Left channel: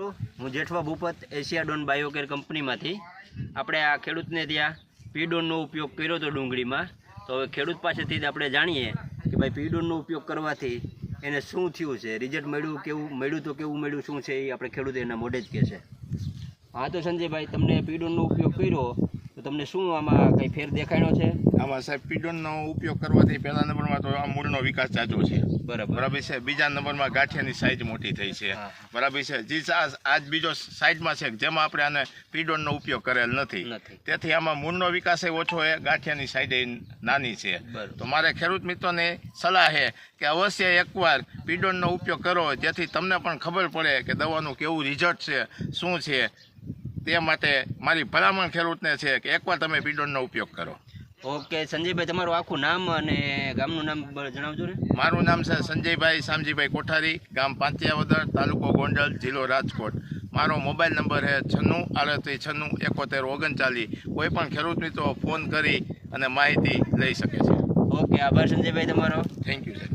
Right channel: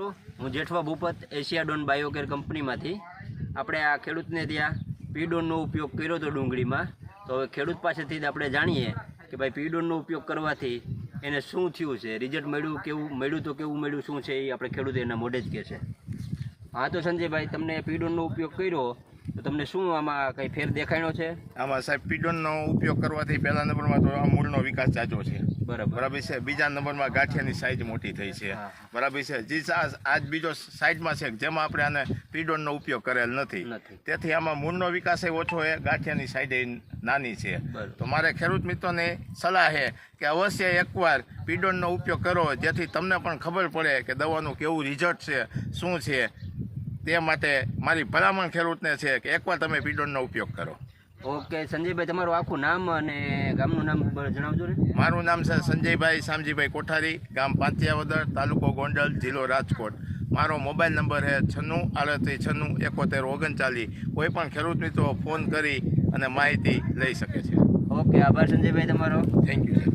હું જેઠવા ભૂપત એશિયાડોન બાયોકેર કંપનીમાંથી આપણે આ ખેડૂતને ત્યાં પીડોનનો ઉપયોગ કર્યો હતો ડુંગળીમાં. તો હવે ખેડૂત પાસેથી જ આપણે જાણીએ કે ભાઈ પીડોનનો ઉપયોગ કરવાથી એને શું થયું છે, રિઝલ્ટ મળ્યું, કેવું મળ્યું તો કેવું મળ્યું, શું છે એ આપણે ખેડૂત એના મોઢે જ કહે છે. હા તો સંજયભાઈ, તમને પીડોનનો ઉપયોગ કર્યો તો તમને શું આમાં કંઈ ફેર દેખાણો છે? આમાં સાહેબ પીડોનનો ઉપયોગ કરવાથી પહેલા નંબરમાં તો આ મૂળનો વિકાસ જાજો છે. બરાબર છે. બીજા નંબરમાં ગાંઠિયાની સાઇઝ મોટી થઈ છે. બરાબર છે. જે આજ બીજો સાઈડમાં છે જેમાં આપણે આને પીડોનનો ઉપયોગ કરેલ નથી. તેથી આમાં મૂળનો વિકાસ ઓછો છે, ગાંઠિયાની સાઈઝ નાની છે. તો મારે ખેડૂત મિત્રોને સલાહ છે કે અવશ્ય એકવાર પીડોનનો ઉપયોગ કરો, જેથી તમને પણ ખબર પડે કે દવાનું કેવું રિઝલ્ટ છે, શું છે. તે માટે મારી ભલામણ ખેડૂતને છે કે એકવાર તમે પીડોનનો ઉપયોગ કરો. ઓકે સંજયભાઈ, તમારું આખું નામ અને ગામનું નામ જણાવજો ને. મારું નામ છે સંજયભાઈ શામજીભાઈ કોઠારી, ગામ પાંતિયાવદર, તાલુકો ગોંડલ, જિલ્લો રાજકોટ. મારો મોબાઈલ નંબર છે 96 38 96 71 39. કોઈ પણ ખેડૂત મિત્રો ફોન કરી અને માહિતી લઈ શકે છે. ઓકે, આભાર સંજયભાઈ તમારો. Thank you sir.